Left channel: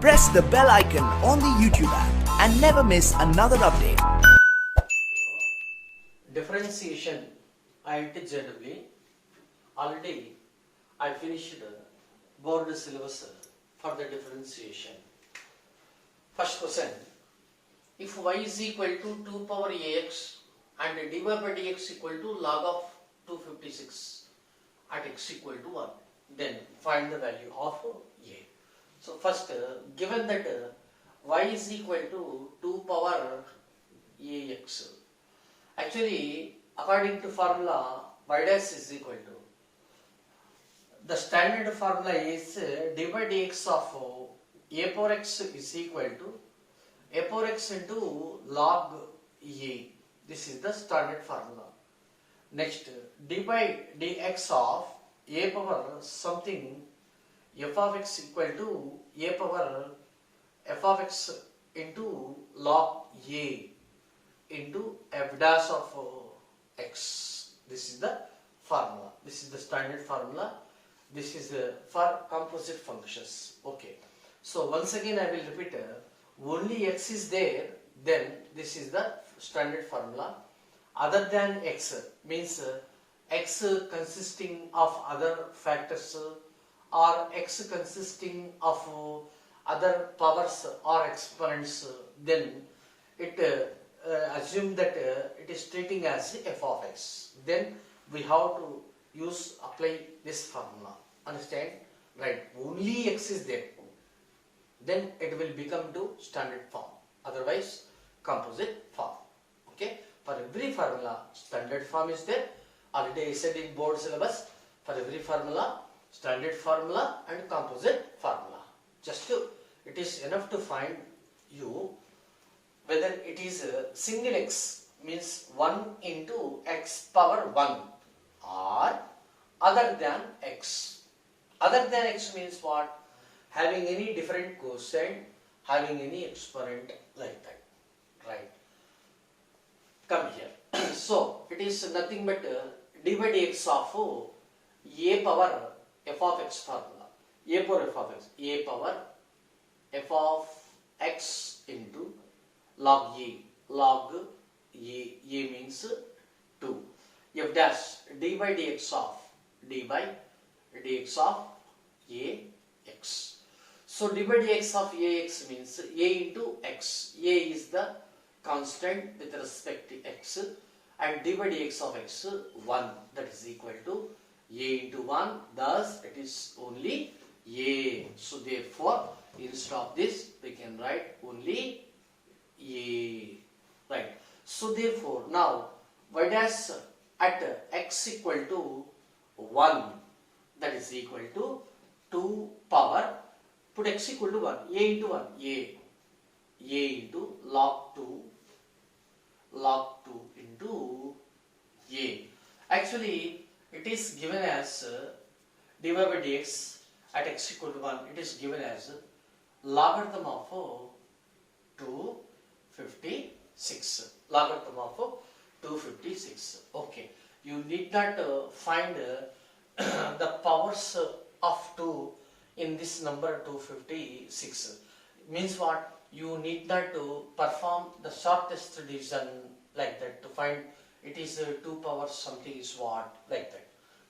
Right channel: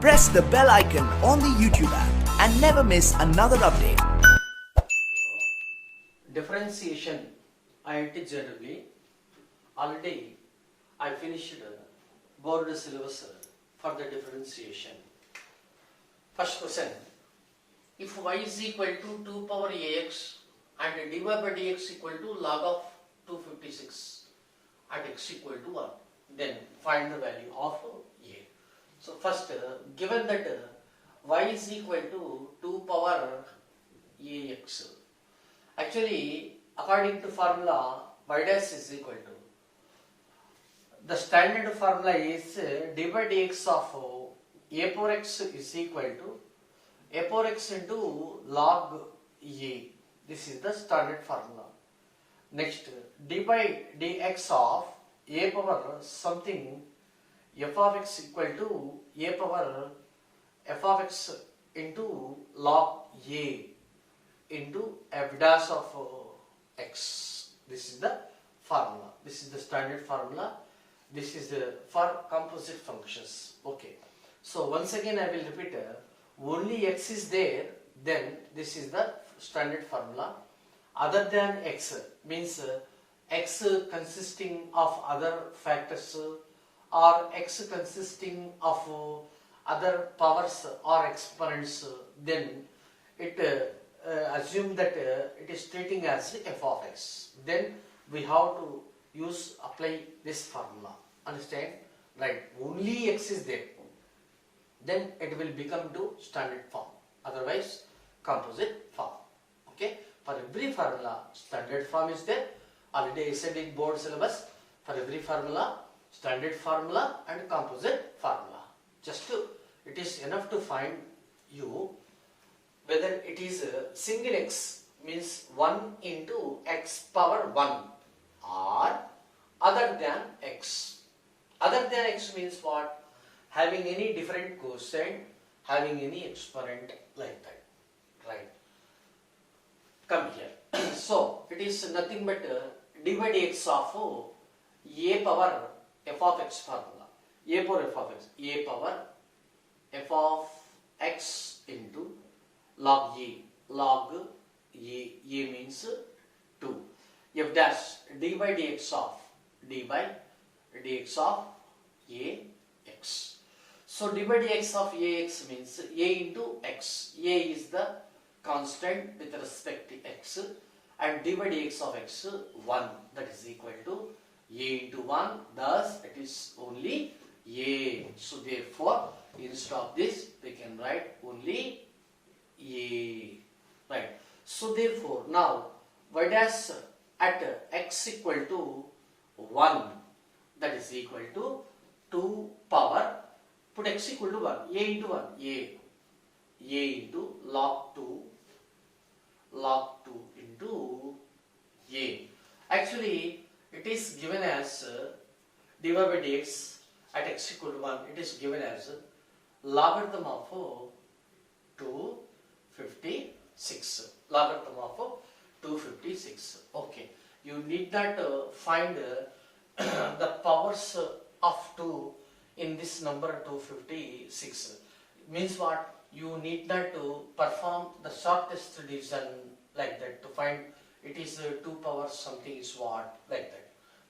Press the bell icon on the YouTube app and never miss another update. Differentiation IIT JEE. Already I finished board syllabus for the differentiation. First question. If y is equal to 2 power ax and dy by dx equal to log of 256 at x equal to 1, then find the value of a. So first, given that y is equal to 2 power ax, actually according to formula y dash is equal to, the standard formula is dy by dx of a power x is equal to a power x into log a. This is the standard formula. Next, dy by dx of a power something f of x equal to a power f of x into log a into f dash of x. This is the formula. This is the standard formula. This is for composite functions. Okay. So once again I will repeat. Only x is there, then this is the standard formula. Other than x means x consisting of other factors or x consisting of other powers or exponents, then it assume that it is treating as f of x. Then we have to apply this formula. Understand? Right. Only x is there. Then it will become to standard form. Otherwise, composite form. Okay. For every formula, standard form is there. Already I said in board syllabus. For every formula, standard formula and composite formula. It is enough to find you whether it is single x means 1 into x power 1 or other than x. Other than x means what? Having any different quotient, having any exponent like that. Right. Come here. So, it is nothing but dy by dx of a power f of x formula. A power f of x. A power f of x into log a. Log a. A means 2. F dash dy by dx of a x. So dy by dx of ax means a into x. A is the constant with respect to x and dy by dx of x 1, that is equal to a into 1, thus it is only a. So therefore instead of this we can write only a. Right. So therefore now y dash at x equal to 1, that is equal to 2 power, put x equal to 1, a into 1, a into log 2 into a. Actually, it is given as dy by dx at x equal to 1, it is given as logarithm of 256. Logarithm of 256. Okay. You need not find the powers of 2 in this number 256. Means what? You need not to perform the shortest division like that to find it is 2 powers something is what, like that.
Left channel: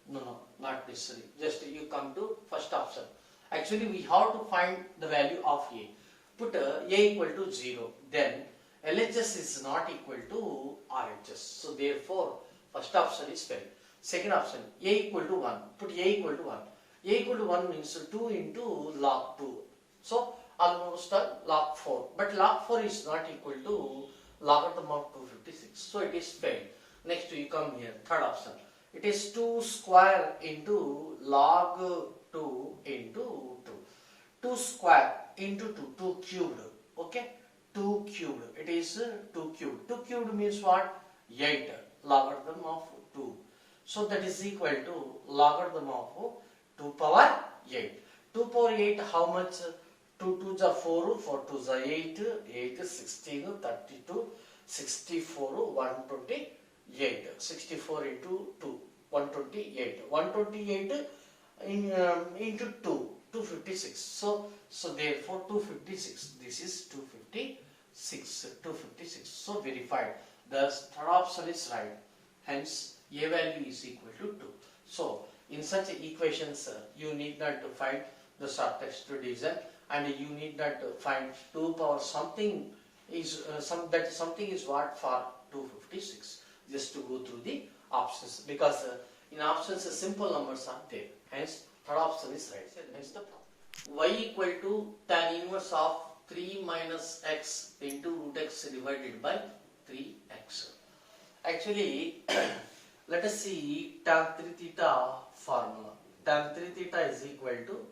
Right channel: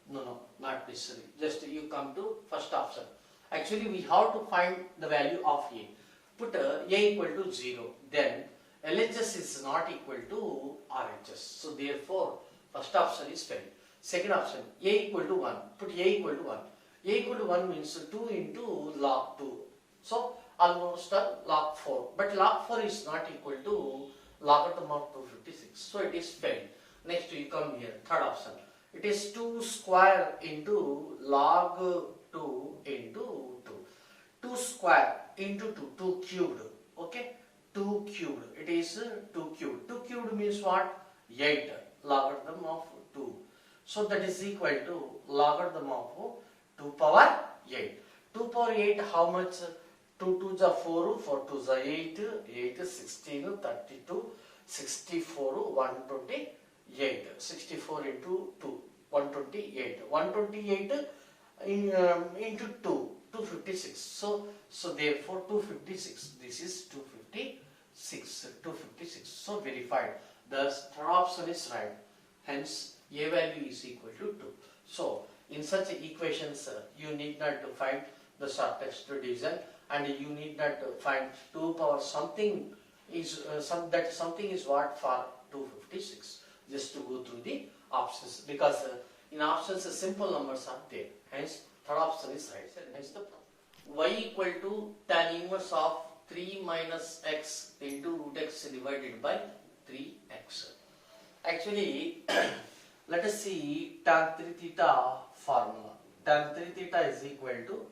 No, not necessary. Just you come to first option. Actually, we have to find the value of a. Put a equal to 0. Then LHS is not equal to RHS. So therefore, first option is failed. Second option, a equal to 1. Put a equal to 1. A equal to 1 means 2 into log 2. So almost log 4. But log 4 is not equal to logarithm of 256. So it is failed. Next you come here. Third option. It is 2 square into log 2 into 2. 2 square into 2. 2 cubed. Okay. 2 cubed. It is 2 cubed. 2 cubed means what? 8. Logarithm of 2. So that is equal to logarithm of 2 power 8. 2 power 8 how much? 2 2 is 4, 4 2 is 8, 8 16, 32, 64, 128. 64 into 2, 128. 128 into 2, 256. So So therefore 256. This is 256. So verified. The third option is right. Hence a value is equal to 2. So in such equations, you need not to find the shortest division, and you need not to find 2 power something is something is what for 256. Just to go through the options, because in options simple numbers are there. Hence third option is right. Hence the y equal to tan inverse of 3 minus x into root x divided by 3x. Actually, let us see tan 3 theta formula. Tan 3 theta is equal to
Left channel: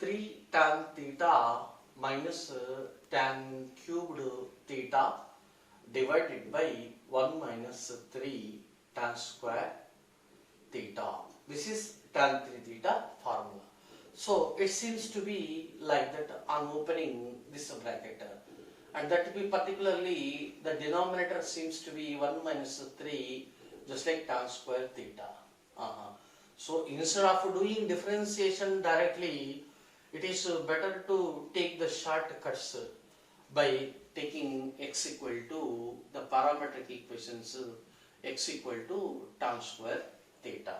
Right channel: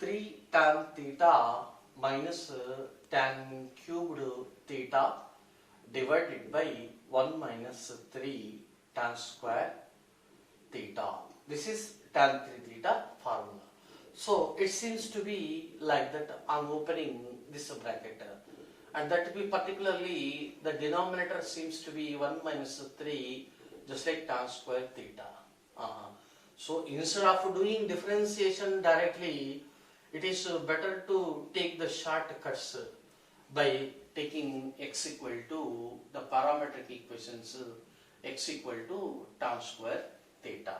3 tan theta minus tan cubed theta divided by 1 minus 3 tan square theta. This is tan 3 theta formula. So it seems to be like that. I'm opening this bracket, and that to be particularly the denominator seems to be 1 minus 3, just like tan square theta. So instead of doing differentiation directly, it is better to take the shortcuts by taking x equal to the parametric equations, x equal to tan square theta.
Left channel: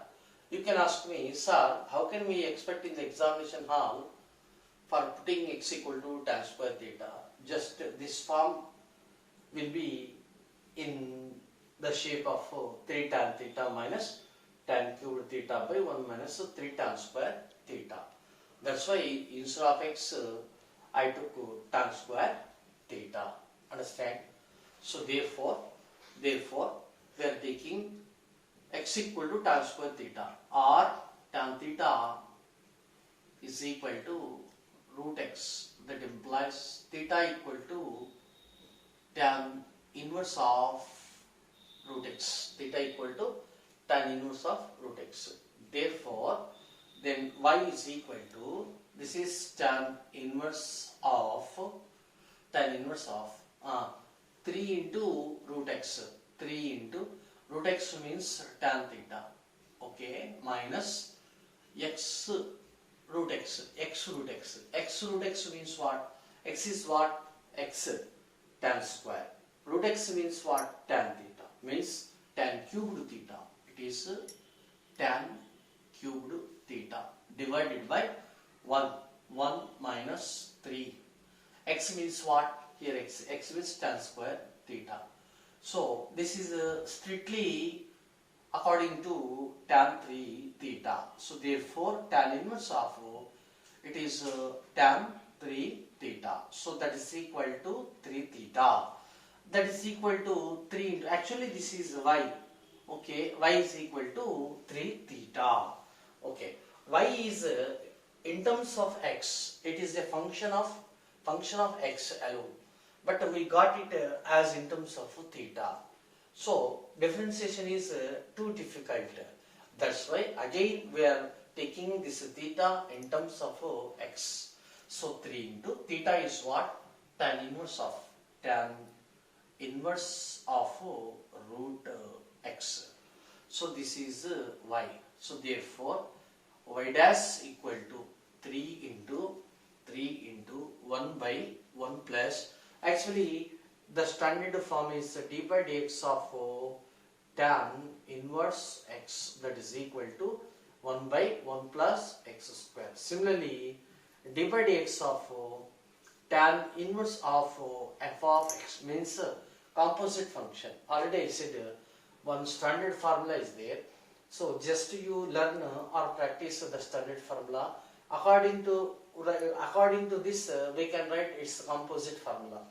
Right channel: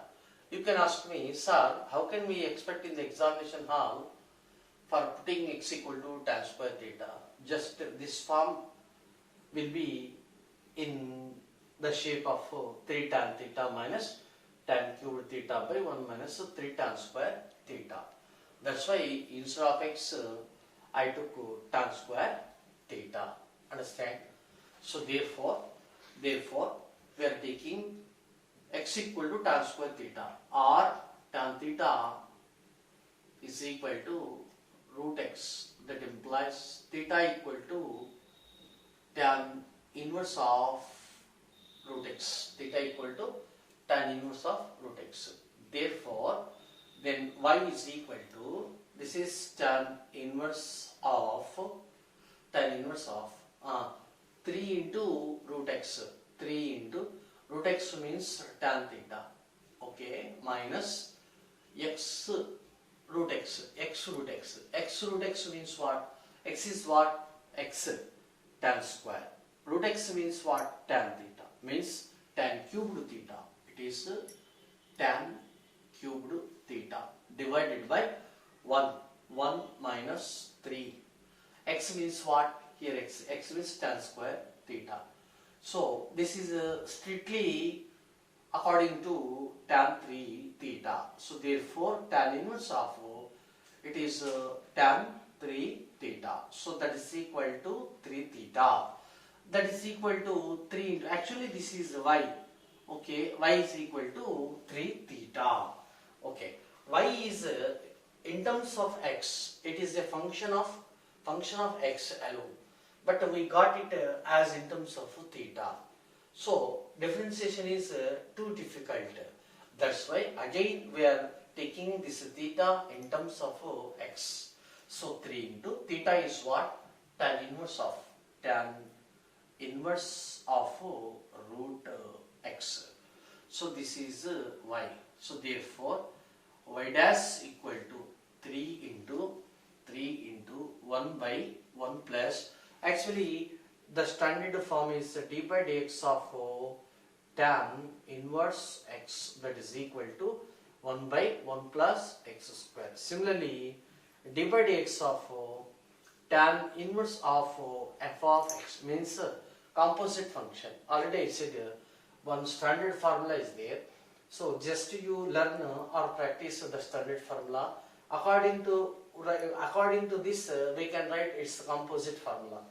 You can ask me, sir, how can we expect in the examination hall for putting x equal to tan square theta? Just this form will be in the shape of 3 tan theta minus tan cubed theta by 1 minus 3 tan square theta. That's why instead of x, I took tan square theta. Understand? So therefore, we are taking x equal to tan square theta, or tan theta is equal to root x. That implies theta equal to tan inverse of root x. Theta equal to tan inverse of root x. Therefore, then y is equal to, this is tan inverse of 3 into root x. 3 into root x means tan theta, okay, minus x root x. X root x. X root x means what? X is what? X tan square. Root x means what? Tan theta. Means tan cubed theta. It is tan cubed theta divided by 1. 1 minus 3. X means what? Here x. X means tan square theta. So this is strictly according to tan 3 theta. So therefore tan inverse of it is tan 3 theta. So that is equal to 3 theta. That is equal to 3 into, actually this is y. Okay, y is equal to 3 theta. Okay, y is in terms of x, it is a function of x alone. But we got it as in terms of theta. So differentiation is too difficult. That's why again we are taking this theta in terms of x. So 3 into theta is what? Tan inverse of root x. So this is y. So therefore y dash equal to 3 into 1 by 1 plus, actually the standard form is d by dx of tan inverse x, that is equal to 1 by 1 plus x square. Similarly, d by dx of tan inverse of f of x means composite function. Already I said one standard formula is there. So just you learn or practice the standard formula. According to this, we can write its composite formula.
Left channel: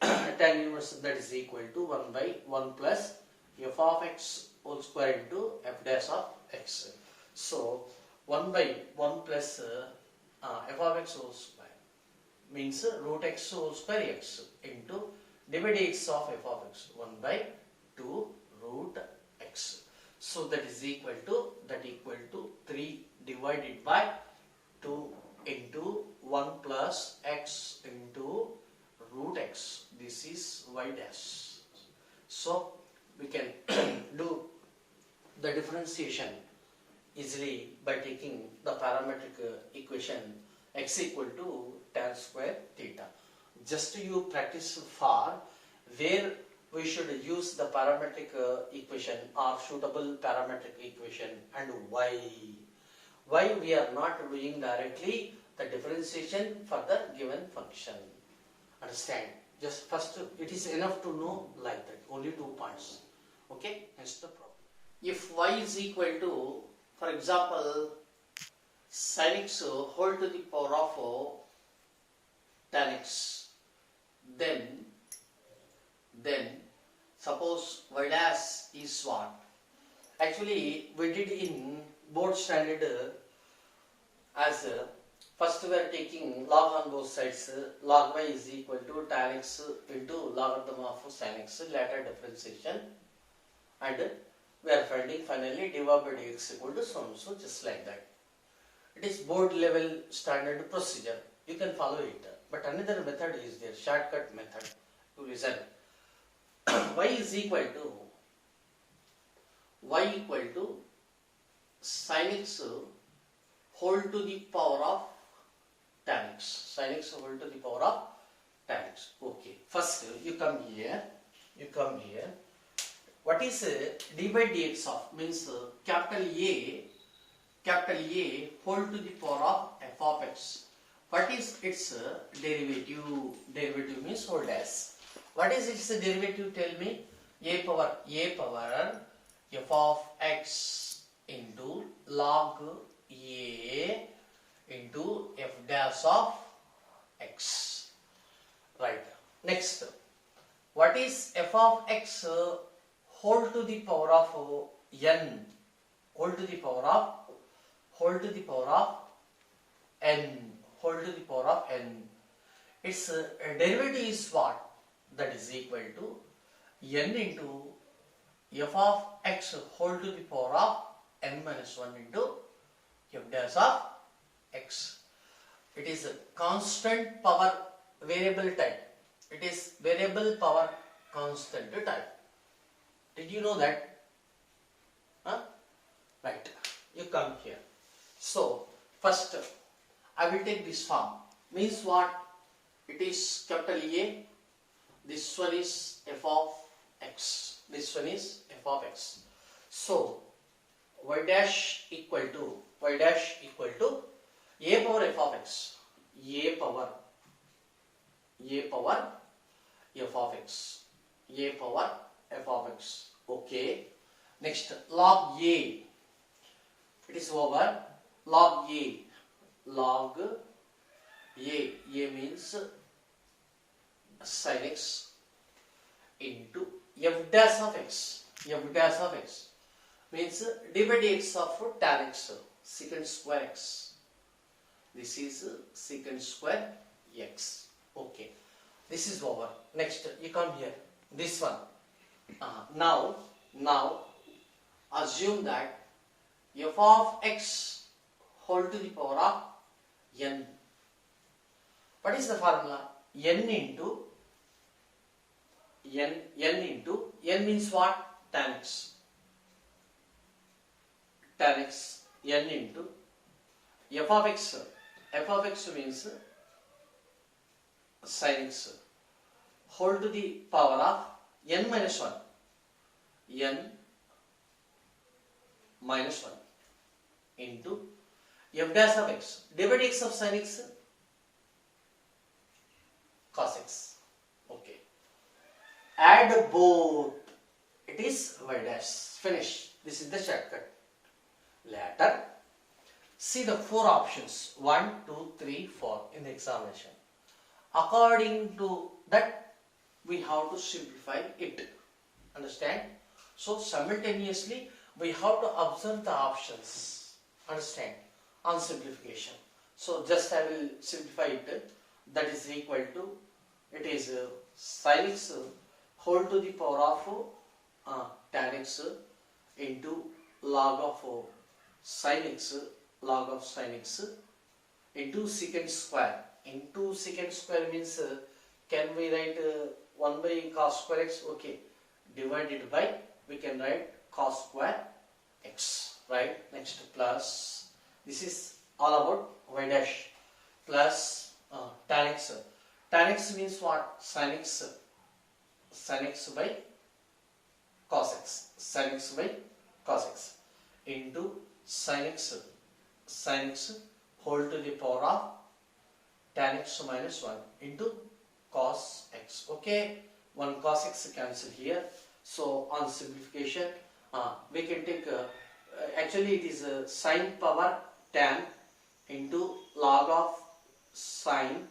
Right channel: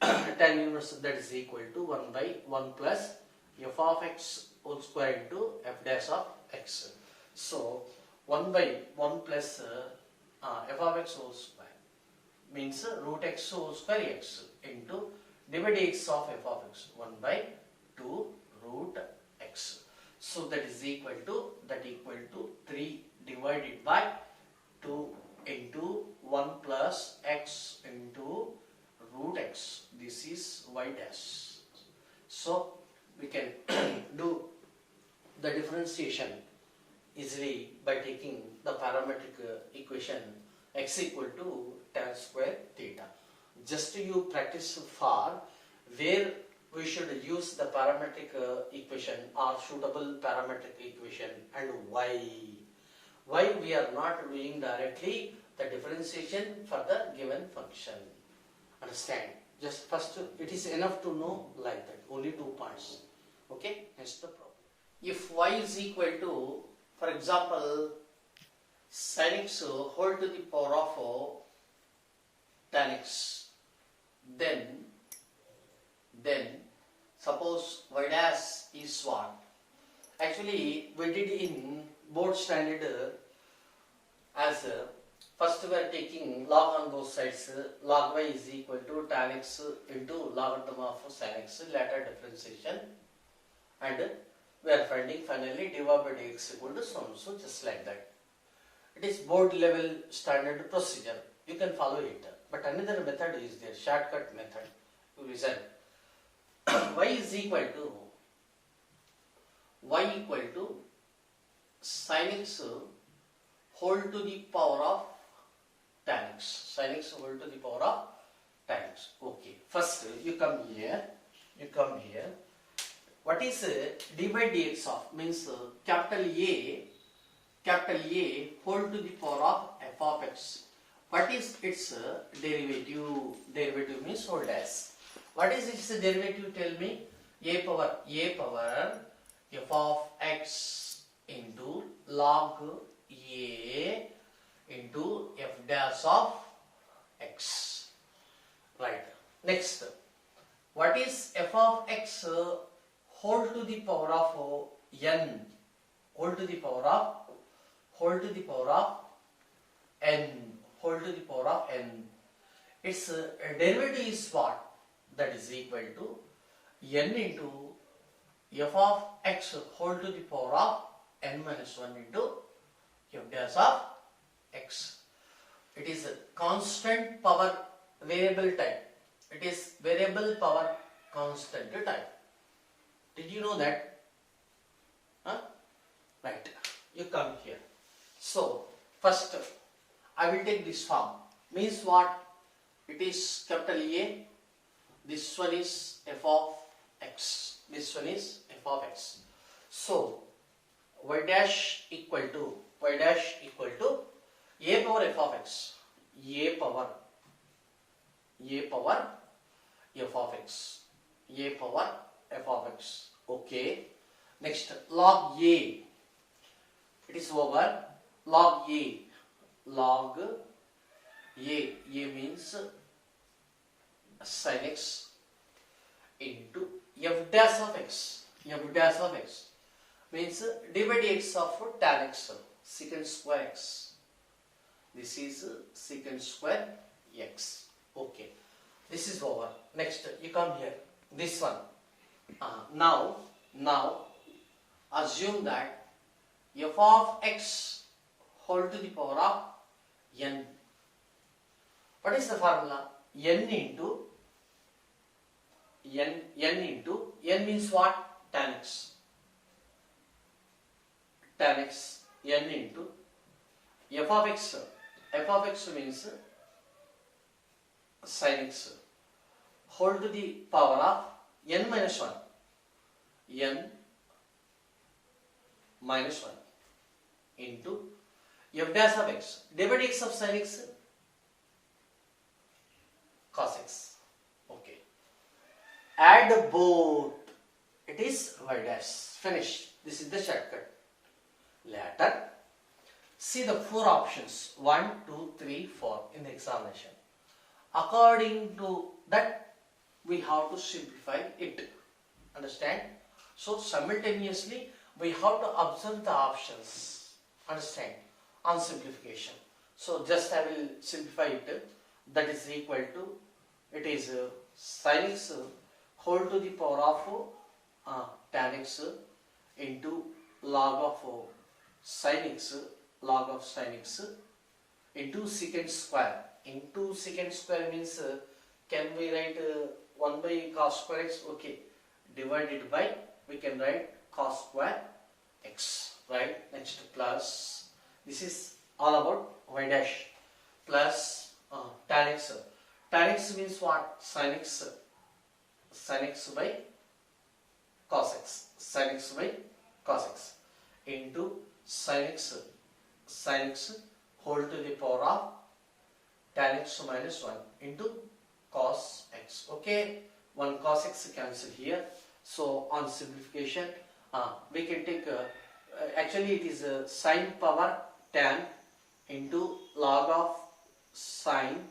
Tan inverse, that is equal to 1 by 1 plus f of x whole square into f dash of x. So 1 by 1 plus f of x whole square means root x whole square x into d by dx of f of x, 1 by 2 root x. So that is equal to 3 divided by 2 into 1 plus x into root x. This is y dash. So we can do the differentiation easily by taking the parametric equation x equal to tan square theta. Just you practice for where we should use the parametric equation or suitable parametric equation, and why. Why we are not doing directly the differentiation for the given function. Understand? Just first it is enough to know like that. Only 2 points. Okay? Hence the problem. If y is equal to, for example, sin x whole to the power of tan x, then suppose y dash is what? Actually, we did in board standard as first we are taking log on both sides. Log y is equal to tan x into logarithm of sin x, later differentiation, and we are finding finally dy by dx equal to so and so, just like that. It is board level standard procedure. You can follow it. But another method is there, shortcut method. You listen. Y is equal to sin x whole to the power of tan x. Sin x whole to the power of tan x. Okay. First you come here. What is d by dx of? Means capital A whole to the power of f of x. What is its derivative? Derivative means whole dash. What is its derivative? Tell me. A power f of x into log a into f dash of x. Right. Next, what is f of x whole to the power of n? Whole to the power of n. Its derivative is what? That is equal to n into f of x whole to the power of n minus 1 into f dash of x. It is a constant power variable type. It is variable power constant type. Did you know that? Right. You come here. So, first I will take this form. Means what? It is capital A. This one is f of x. This one is f of x. So, y dash equal to a power f of x. A power f of x. A power f of x. Okay. Next, log a. It is over log a. Log a means sin x into f dash of x. F dash of x means d by dx of tan x, secant square x. This is secant square x. Okay. This is over. Next, you come here. This one. Now assume that f of x whole to the power of n. What is the formula? N means what? Tan x. N into f of x. F of x means sin x whole to the power of n minus 1. N minus 1 into f dash of x. D by dx of sin x, cos x. Okay. Add both. It is y dash. Finish. This is the shortcut. Later, see the 4 options. 1, 2, 3, 4 in the examination. According to that, we have to simplify it. Understand? So, simultaneously, we have to observe the options. Understand? On simplification. So, just I will simplify it. That is equal to, it is sin x whole to the power of tan x into log of sin x into secant square. Into secant square means can we write 1 by cos square x? Okay. Divided by, we can write cos square x. Right? Next, plus, this is all about y dash, plus tan x. Tan x means what? Sin x. Sin x by cos x. Sin x by cos x into sin x. Sin x whole to the power of tan x minus 1 into cos x. Okay, one cos x cancel here. So on simplification, we can take actually it is sin power tan into log of sin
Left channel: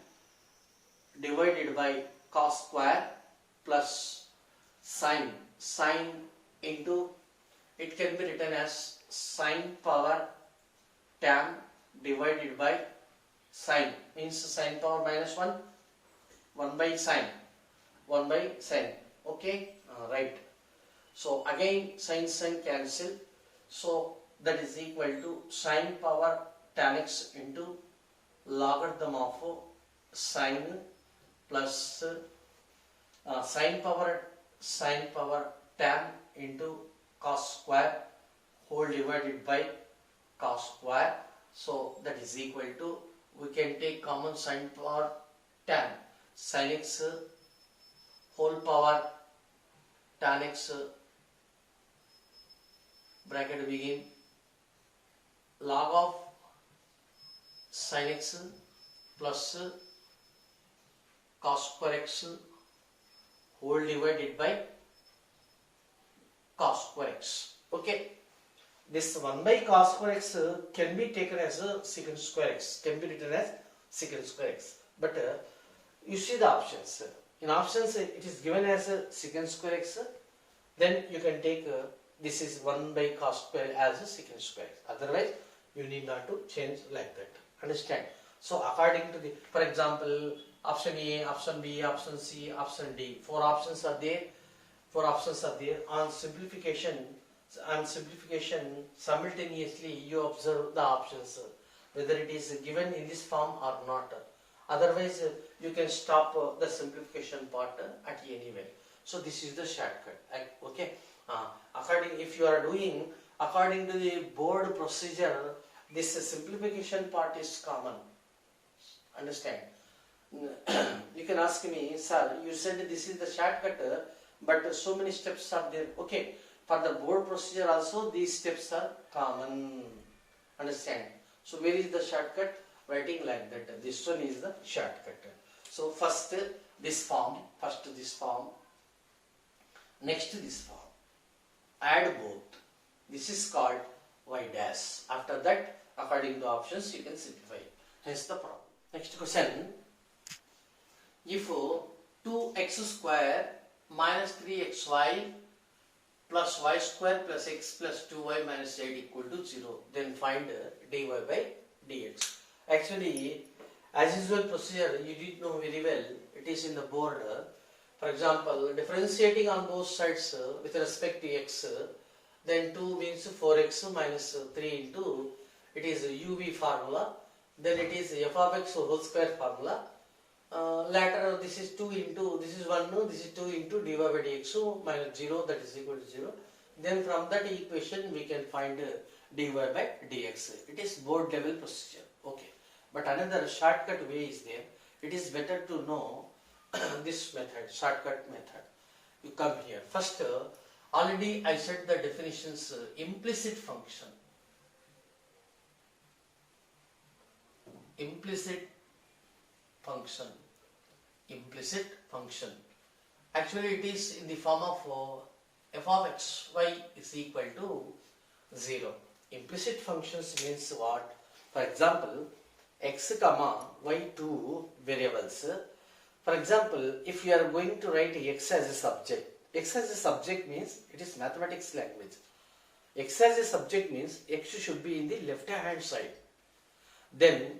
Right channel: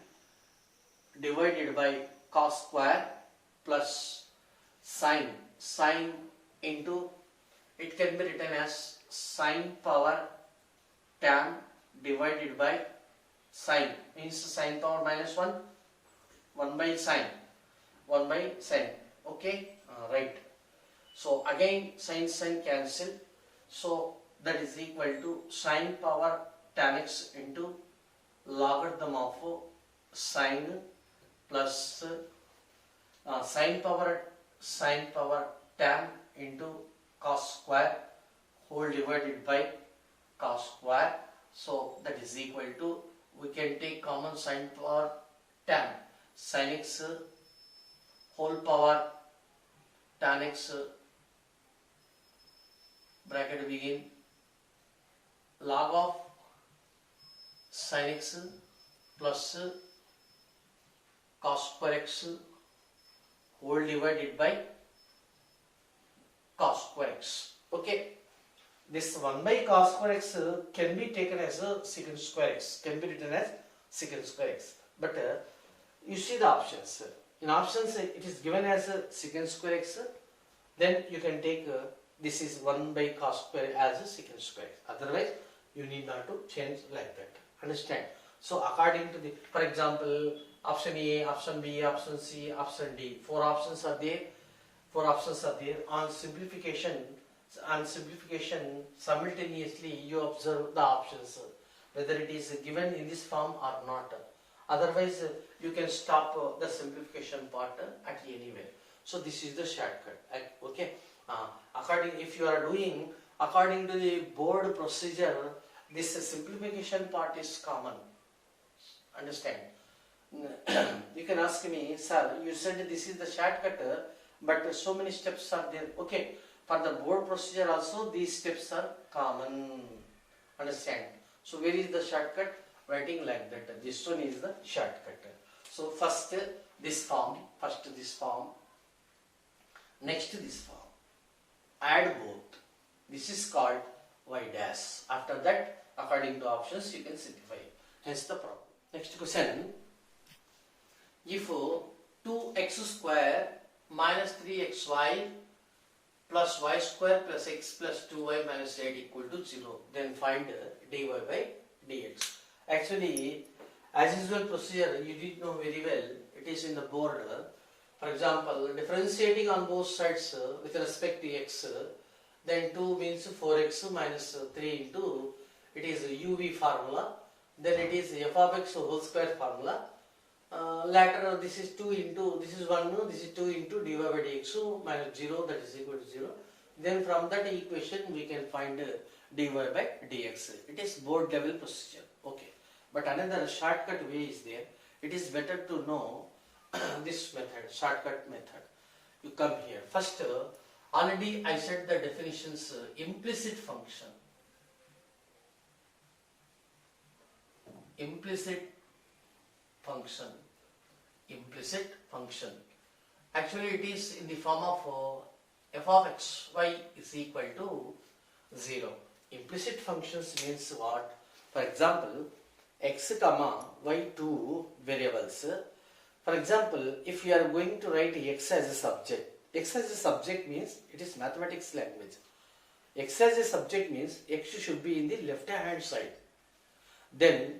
divided by cos square plus sin into, it can be written as sin power tan divided by sin, means sin power minus 1 by sin, okay, right. So again sin cancel, so that is equal to sin power tan x into logarithm of sin plus sin power tan into cos square whole divided by cos square. So that is equal to, we can take common sin power tan, sin x whole power tan x bracket begin log of sin x plus cos square x whole divided by cos square x. Okay, this 1 by cos square x can be taken as a secant square x, can be written as secant square x. But you see the options. In options it is given as a secant square x. Then you can take this is 1 by cos square as a secant square x. Otherwise you need not to change like that. Understand? So according to the, for example, option A, option B, option C, option D, four options are there. On simplification simultaneously you observe the options whether it is given in this form or not. Otherwise you can stop the simplification part at anywhere. So this is the shortcut. Okay, if you are doing according to the board procedure, this simplification part is common. Understand? You can ask me, sir, you said this is the shortcut, but so many steps are there. Okay, for the board procedure also these steps are common. Understand? So where is the shortcut? Writing like that. This one is the shortcut. So first this form, next this form. Add both. This is called y dash. After that, according to options, you can simplify. Hence the problem. Next question. If 2x square minus 3xy plus y square plus x plus 2y minus 8 equal to 0, then find dy by dx. Actually, as usual procedure, you did know very well, it is in the board. For example, differentiating on both sides with respect to x, then 2 means 4x minus 3 into, it is uv formula, then it is f of x whole square formula. Later this is 2 into, this is 1, no, this is 2 into dy by dx, so minus 0, that is equal to 0. Then from that equation we can find dy by dx. It is board level procedure. Okay. But another shortcut way is there. It is better to know this method, shortcut method. You come here. First, already I said the definitions, implicit function. Implicit function. Actually it is in the form of f of x, y is equal to 0. Implicit functions means what? For example, x comma y two variables. For example, if you are going to write x as a subject means it is mathematics language. X as a subject means x should be in the left hand side. Then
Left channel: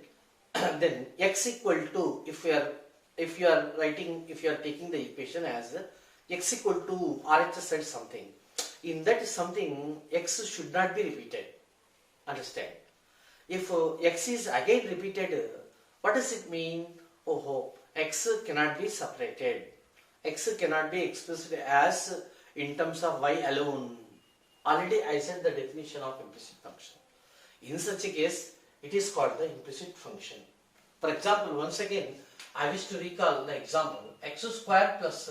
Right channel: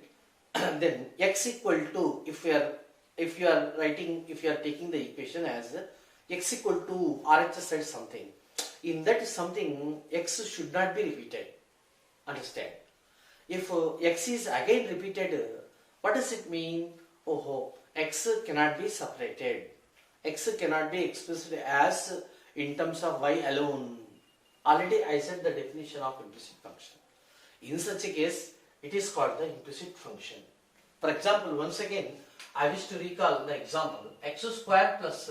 x equal to, if you are taking the equation as x equal to RHS and something, in that something x should not be repeated. Understand? If x is again repeated, what does it mean? X cannot be separated. X cannot be expressed as in terms of y alone. Already I said the definition of implicit function. In such a case, it is called the implicit function. For example, once again, I wish to recall the example x square plus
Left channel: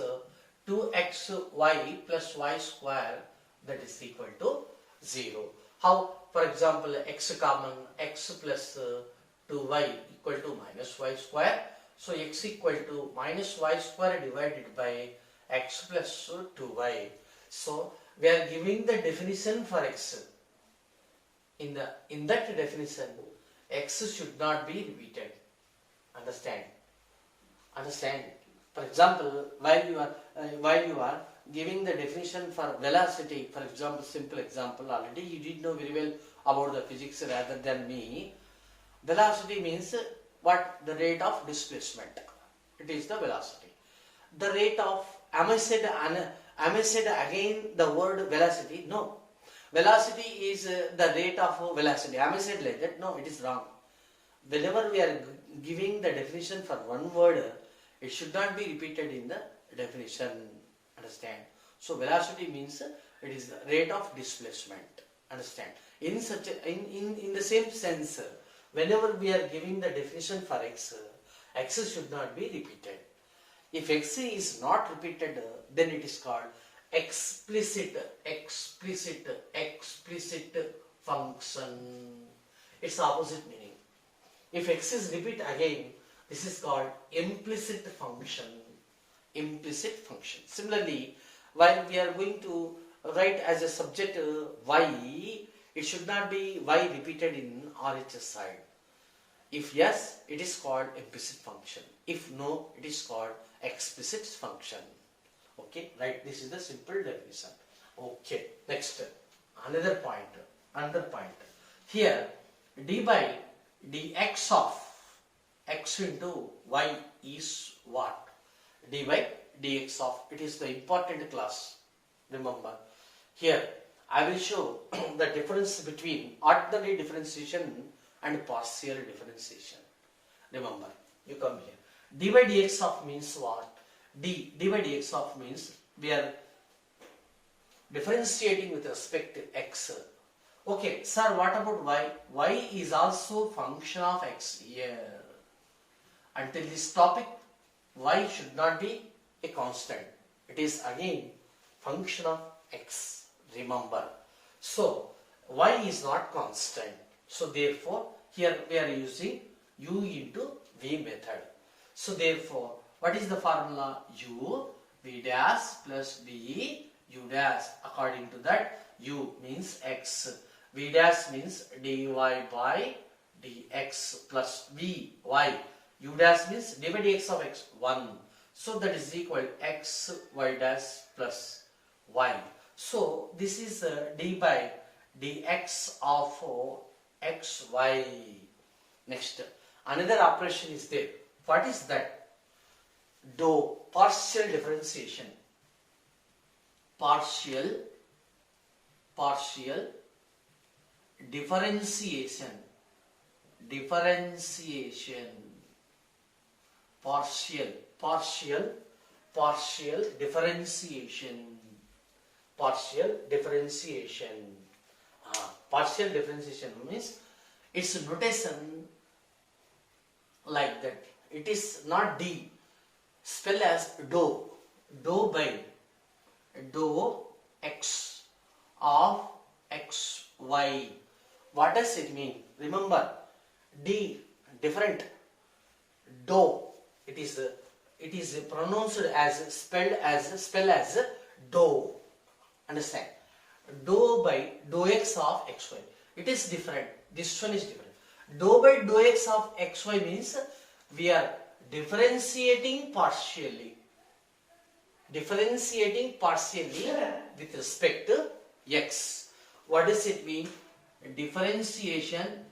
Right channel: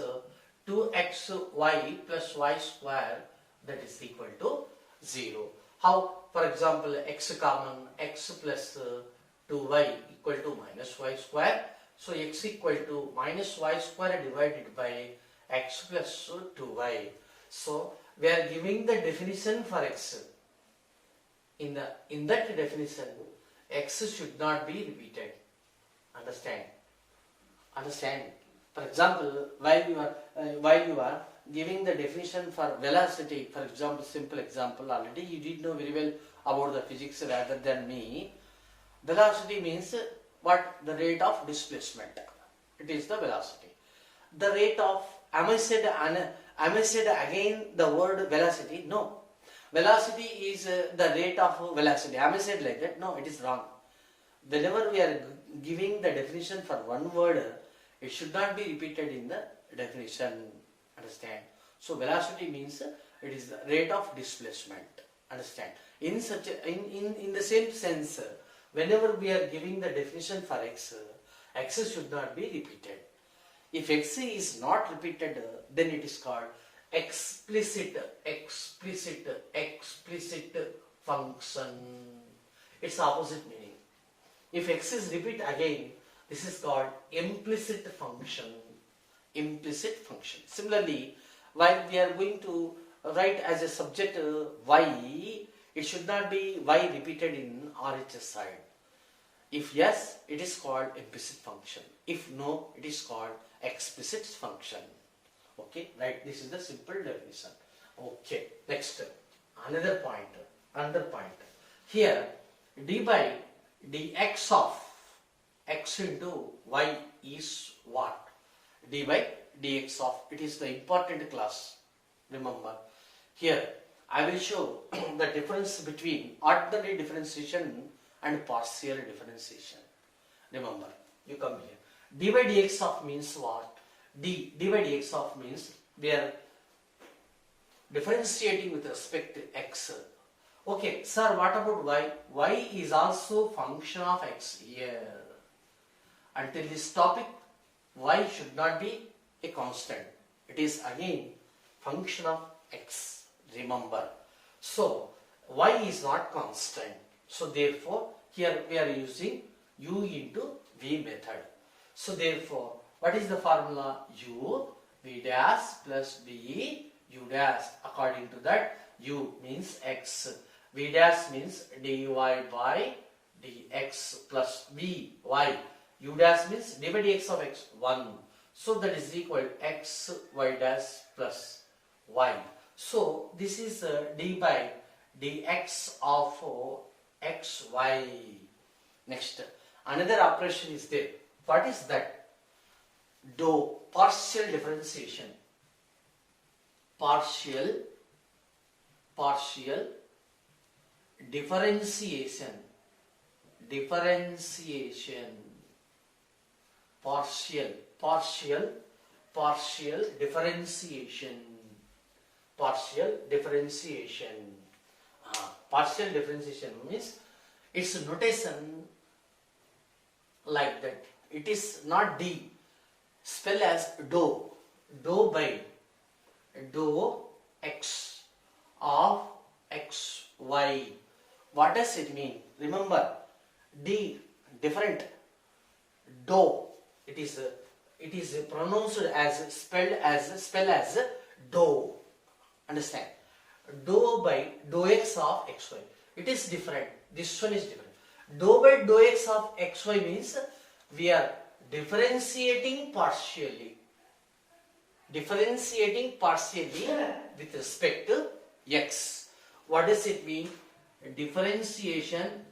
2xy plus y square, that is equal to 0. How? For example, x common, x plus 2y equal to minus y square. So x equal to minus y square divided by x plus 2y. So we are giving the definition for x. In that definition, x should not be repeated. Understand? For example, while you are giving the definition for velocity, for example, simple example, already you did know very well about the physics rather than me. Velocity means what? The rate of displacement. It is the velocity. The rate of, am I said again the word velocity? No. Velocity is the rate of velocity. Am I said like that? No, it is wrong. Whenever we are giving the definition for one word, it should not be repeated in the definition. Understand? So velocity means it is the rate of displacement. Understand? In the same sense, whenever we are giving the definition for x, x should not be repeated. If x is not repeated, then it is called explicit function. Its opposite meaning. If x is repeat again, this is called implicit function. Similarly, while we are going to write as a subject y, it should not be y repeated in RHS side. If yes, it is called implicit function. If no, it is called explicit function. Okay, right? This is the simple definition. Okay, next, another point. Here, d by dx of x into y is what? D by dx of, it is the important class. Remember, here I will show the difference between ordinary differentiation and partial differentiation. Remember, you come here. D by dx of means what? D by dx of means we are differentiating with respect to x. Okay, sir, what about y? Y is also function of x here. Until this topic, y should not be a constant. It is again function of x. Remember. So, y is not constant. So, therefore, here we are using u into v method. So, therefore, what is the formula? U, v dash plus v, u dash. According to that, u means x. V dash means dy by dx plus v, y. U dash means d by dx of x, 1. So that is equal x y dash plus y. So this is d by dx of x y. Next, another operation is there. What is that? Partial differentiation. Partial differentiation. Partial differentiation. Partial differentiation means its notation like that. It is not d. Spell as dou. Dou by dou x of x y. What does it mean? Remember, d different. Dou. It is pronounced as spell as dou. Understand? Dou by dou x of xy. It is different. This one is different. Dou by dou x of xy means we are differentiating partially. Differentiating partially with respect to x. What does it mean? Differentiation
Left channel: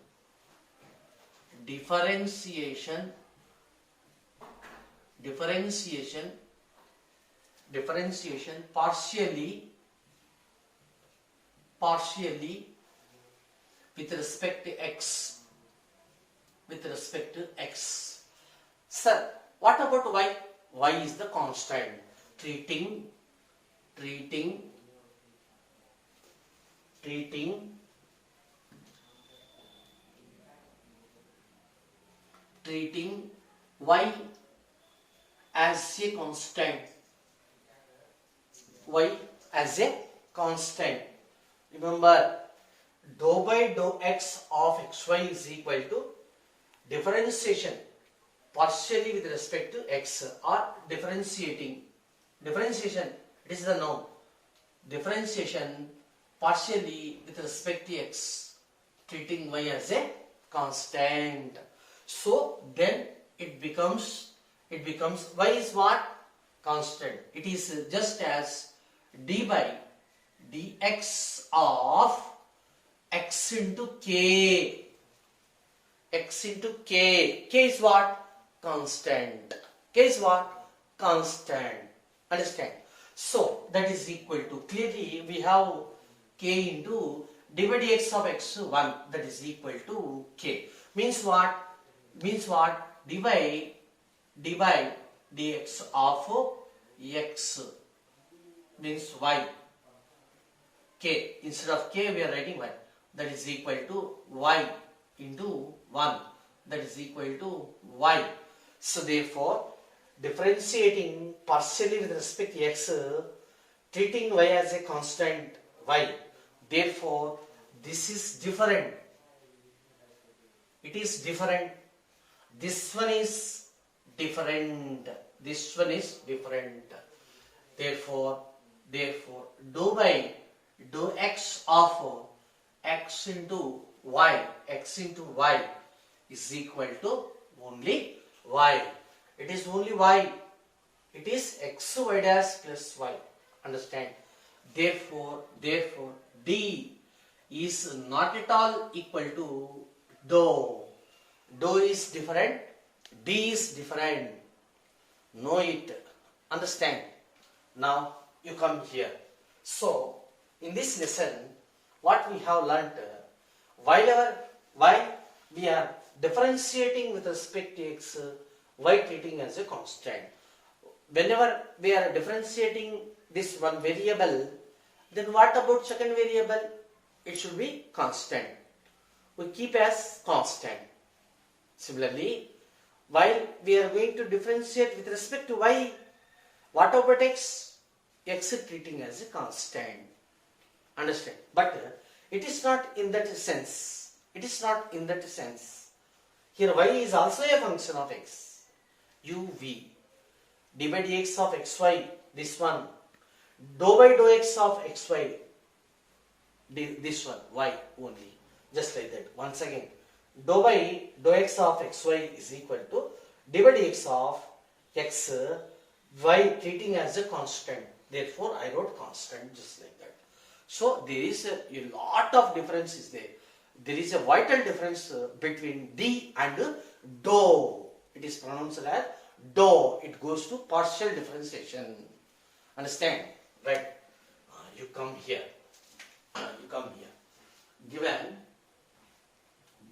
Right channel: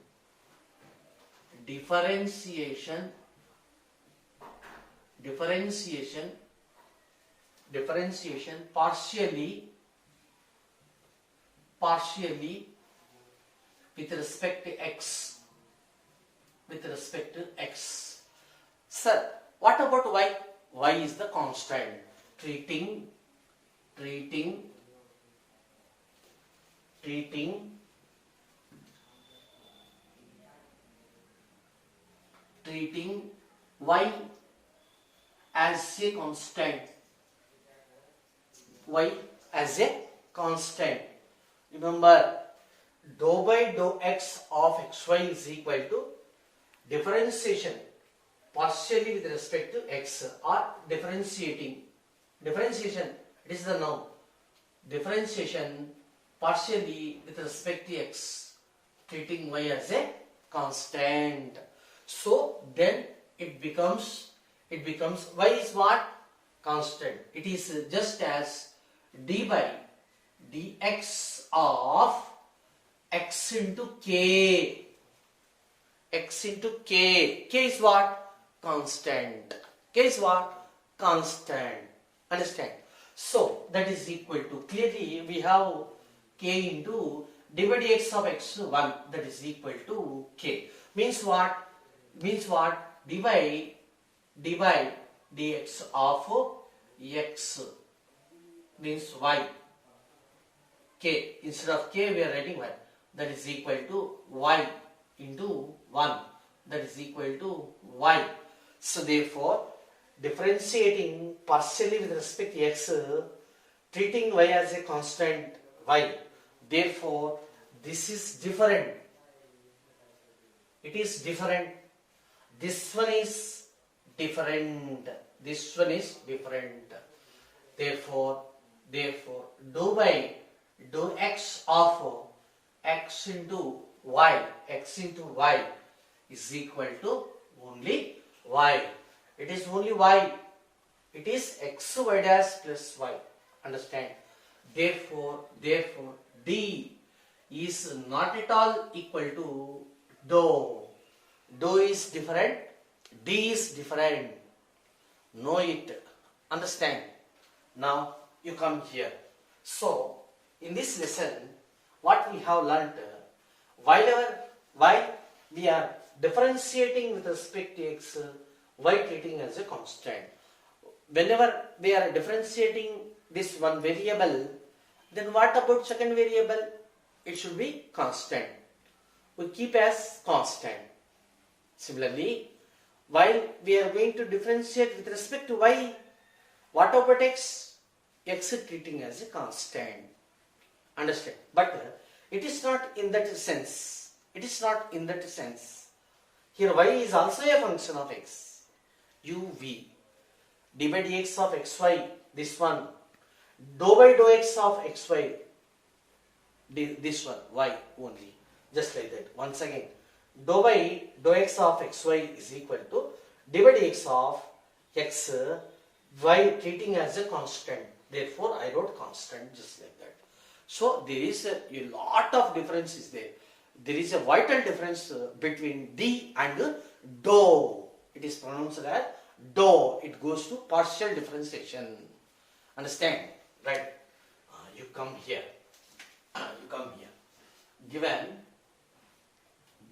partially with respect to x. Sir, what about y? Y is the constant. Treating treating y as a constant. Y as a constant. Remember, dou by dou x of xy is equal to differentiation partially with respect to x, or differentiation, it is the noun. Differentiation partially with respect to x, treating y as a constant. So then it becomes y is what? Constant. It is just as d by dx of x into k. X into k. K is what? Constant. K is what? Constant. Understand? So that is equal to, clearly we have k into d by dx of x1, that is equal to k. Means what? d by dx of x means y. K, instead of k we are writing y, that is equal to y into 1, that is equal to y. So therefore, differentiating partially with respect to x, treating y as a constant y. Therefore, this is different. It is different. This one is different. This one is different. Therefore, dou by dou x of x into y is equal to only y. It is only y. It is x y dash plus y. Understand? Therefore, d is not at all equal to dou. Dou is different. D is different. Know it. Understand? Now you come here. So in this lesson, what we have learnt, while we are differentiating with respect to x, y treating as a constant. Whenever we are differentiating this one variable, then what about second variable? It should be constant. We keep as constant. Similarly, while we are going to differentiate with respect to y, what about x? X is treating as a constant. Understand? But it is not in that sense. It is not in that sense. Here y is also a function of x. uv. d by dx of xy, this one. Dou by dou x of xy, this one, y only. Just like that. Once again, dou by dou x of xy is equal to d by dx of x, y treating as a constant. Therefore, I wrote constant just like that. So, there is a lot of difference is there. There is a vital difference between d and dou. It is pronounced as dou. It goes to partial differentiation. Understand? Right? You come here. You come here.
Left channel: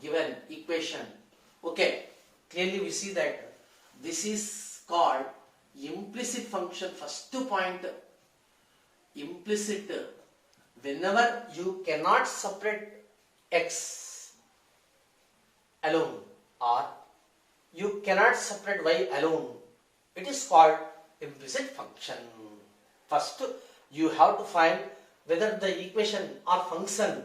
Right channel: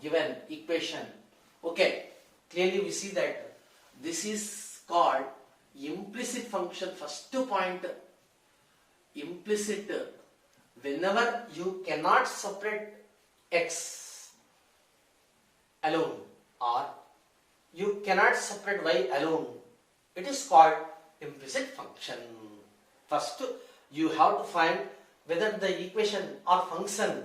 Given equation. Okay. Clearly we see that this is called implicit function. First point, implicit. Whenever you cannot separate x alone or you cannot separate y alone, it is called implicit function. First, you have to find whether the equation or function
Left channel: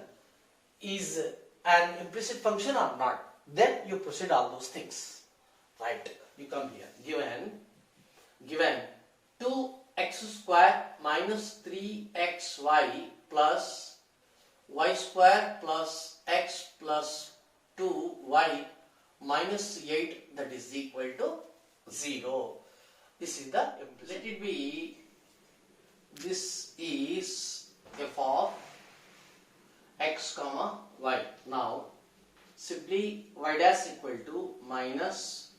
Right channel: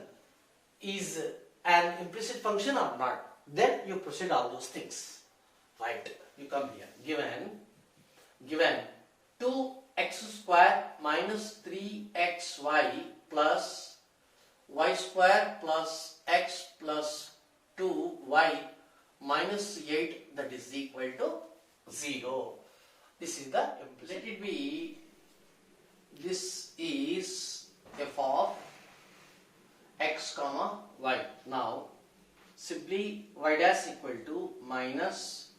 is an implicit function or not. Then you proceed all those things. Right? You come here. Given 2x square minus 3xy plus y square plus x plus 2y minus 8, that is equal to 0. This is the implicit. Let it be, this is f of x comma y. Now simply y dash equal to minus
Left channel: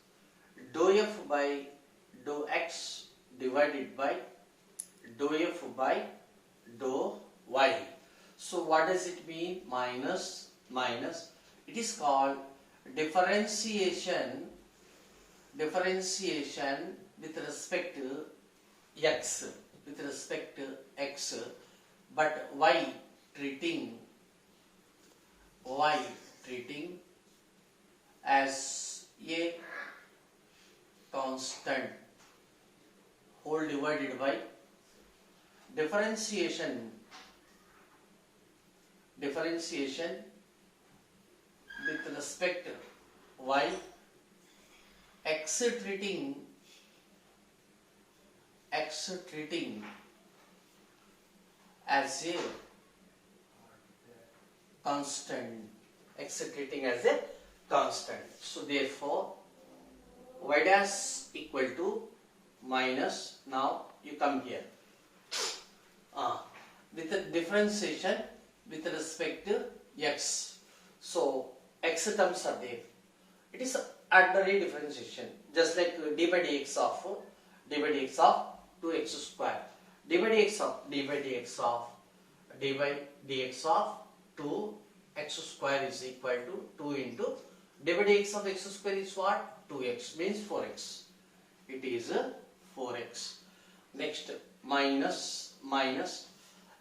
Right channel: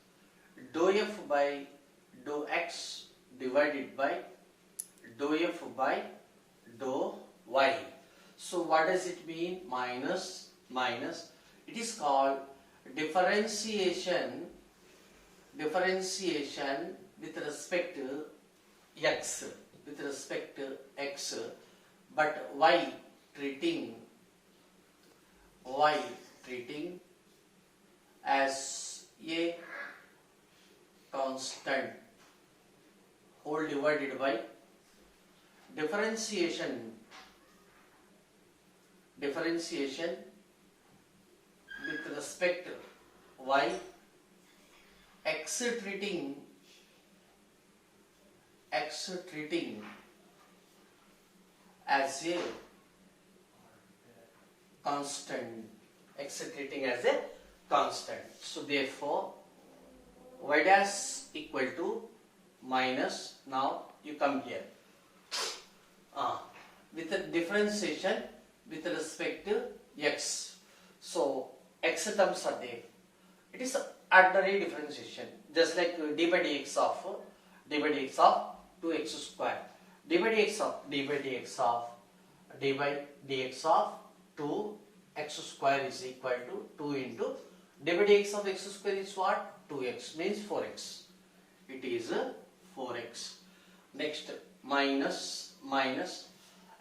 dou f by dou x divided by dou f by dou y. So what does it mean? Minus. It is called differentiation with respect to x, but y treating as a constant whole divided by differentiation with respect to y, x treating as a constant, x treating as a constant. So therefore y dash equal to minus, now you come here with the differentiation with respect to x. So x terms are there. It is ordinary differentiation, just like d by dx of 2x square, d by dx of 2x square is equal to 2 into d by dx of x square is what? 2x, means 4x. It is 4x. Next, minus.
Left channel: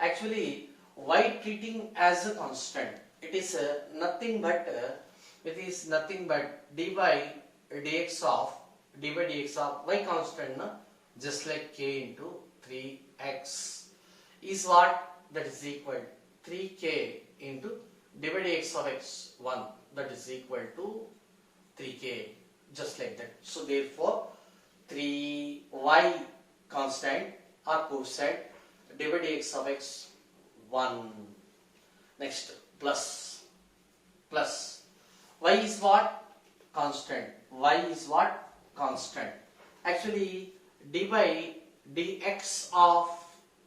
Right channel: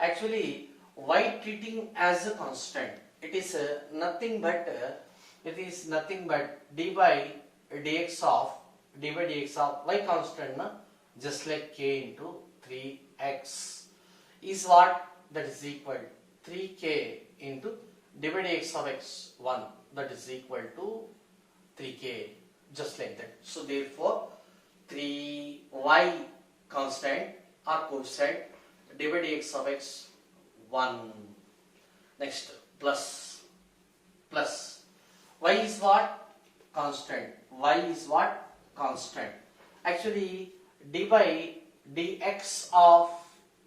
Actually, y treating as a constant. It is nothing but d by dx of y constant, na? Just like k into 3x is what? That is equal 3k into d by dx of x1, that is equal to 3k, just like that. So therefore 3y constant are quotient d by dx of x1. Next, plus y is what? Constant. Actually d by dx of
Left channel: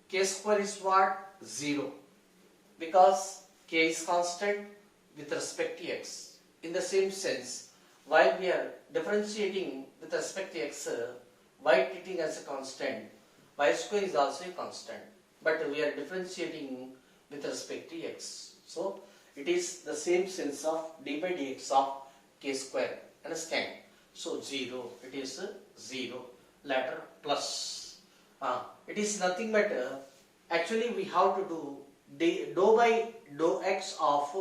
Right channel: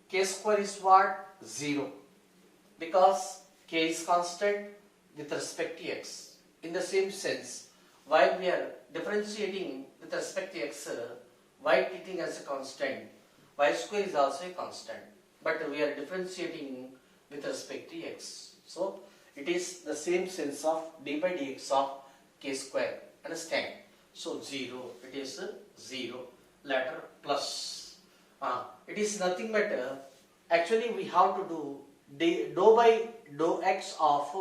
k square is what? 0, because k is constant with respect to x. In the same sense, while we are differentiating with respect to x, y treating as a constant, y square is also a constant, but we are differentiating with respect to x. So it is the same sense of d by dx of k square. Understand? So 0, it is 0. Later plus. It is nothing but actually we have to do dou by dou x of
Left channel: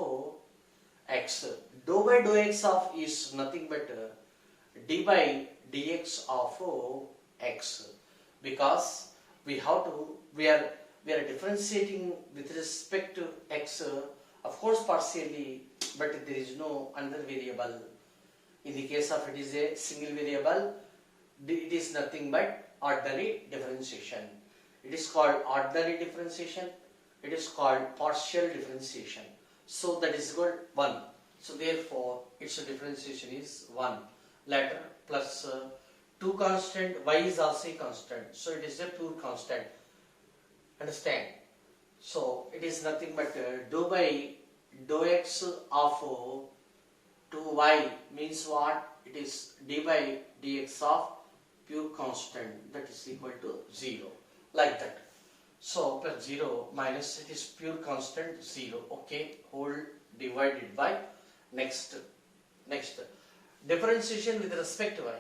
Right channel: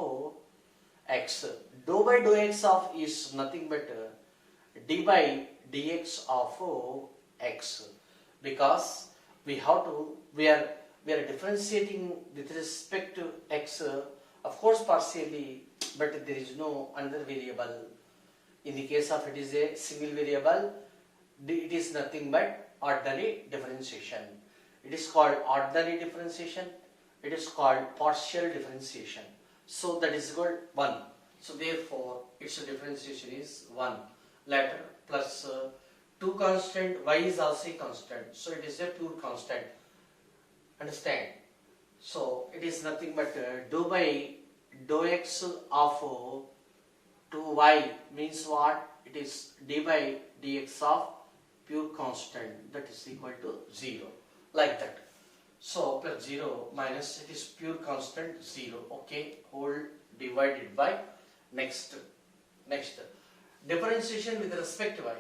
x. Dou by dou x of is nothing but d by dx of x, because we are differentiating with respect to x, of course partially, but there is no another variable. In the case of it is a single variable, it is nothing but ordinary differentiation. It is called ordinary differentiation. It is called partial differentiation. So that is called 1. So therefore its differentiation is 1. Later plus 2 constant, y is also a constant. So it is a pure constant. Understand? So it is nothing but dou by dou x of 2y means what? It is d by dx of pure constant, that is equal to 0, like that. So plus 0 minus, it is pure constant 0. Okay, whole divided by next differentiation with respect to y.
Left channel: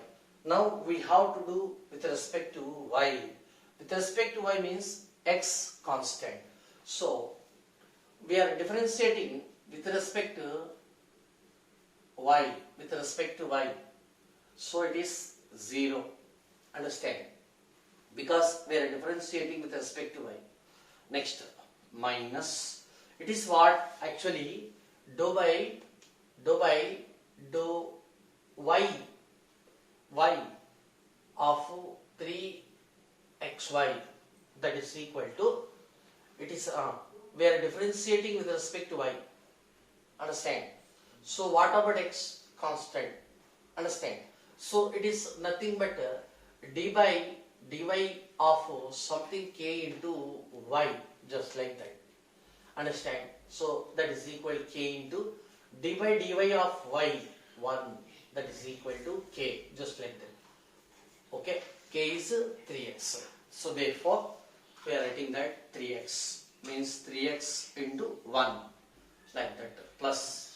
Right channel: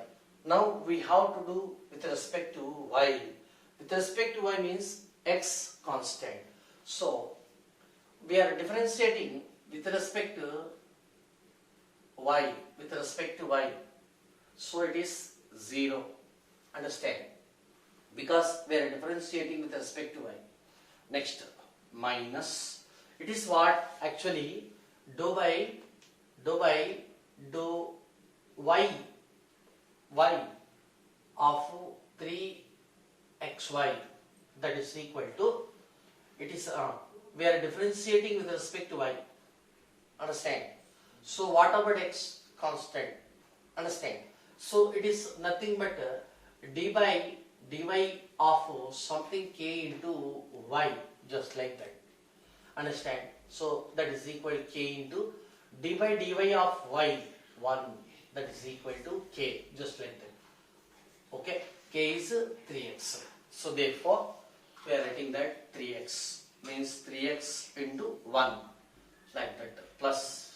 Now we have to do with respect to y. With respect to y means x constant. So we are differentiating with respect to y. So it is 0. Understand? Because we are differentiating with respect to y. Next, minus. It is what? Actually dou by dou y of 3xy, that is equal to, it is we are differentiating with respect to y. Understand? So what about x? Constant. Understand? So it is nothing but d by dy of something k into y, just like that. Understand? So that is equal to k into d by dy of y 1, that is equal to k, just like that. Okay, k is 3x. So therefore we are writing that 3x means 3x into 1, like that. Plus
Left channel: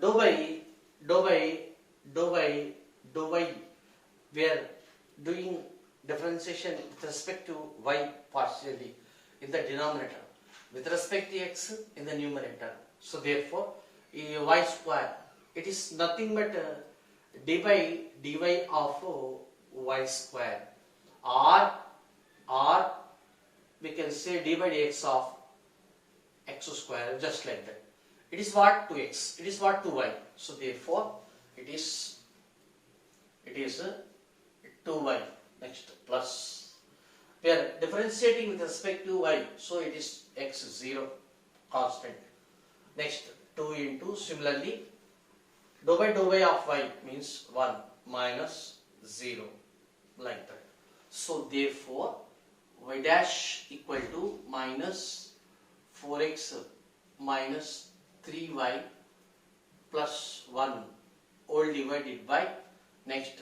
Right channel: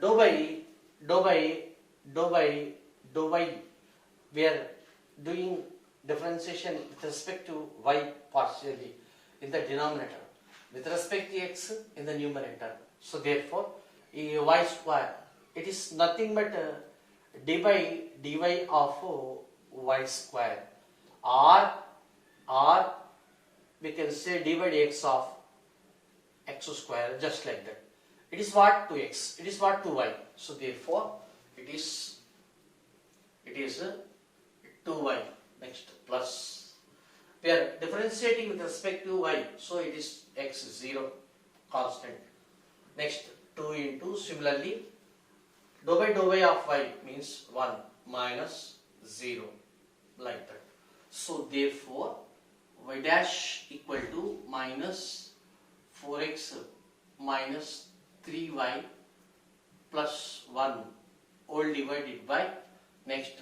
dou by we are doing differentiation with respect to y partially in the denominator, with respect to x in the numerator. So therefore y square, it is nothing but dy of y square, or we can say dy dx of x square, just like that. It is what? 2x. It is what? 2y. So therefore it is 2y. Next, plus. We are differentiating with respect to y, so it is x0 constant. Next, 2 into, similarly, dou by dou y of y means 1 minus 0, like that. So therefore y dash equal to minus 4x minus 3y plus 1 all divided by, next,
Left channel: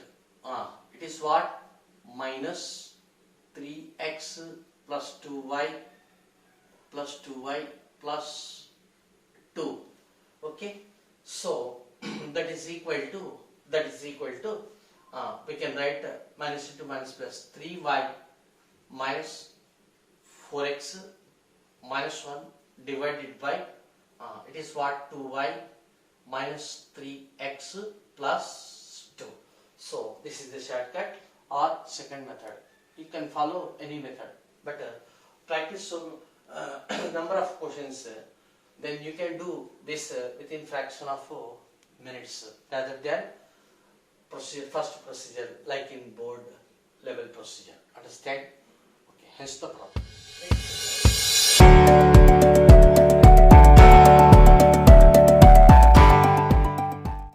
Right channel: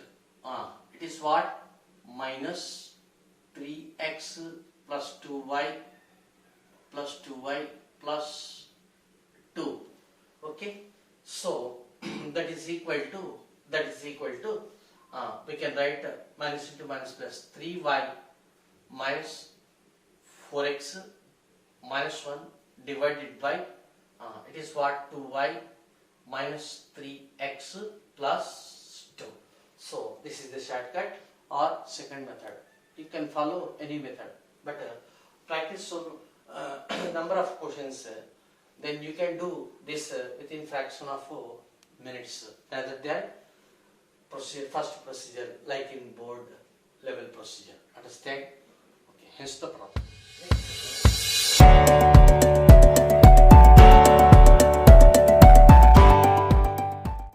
it is what? Minus 3x plus 2y plus 2y plus 2. Okay, so that is equal to we can write minus into minus plus 3y minus 4x minus 1 divided by it is what? 2y minus 3x plus 2. So this is the shortcut or second method. You can follow any method, but practice some number of questions, then you can do this within fraction of minutes, rather than first procedure like in board level procedure. Understand? Okay, hence the problem.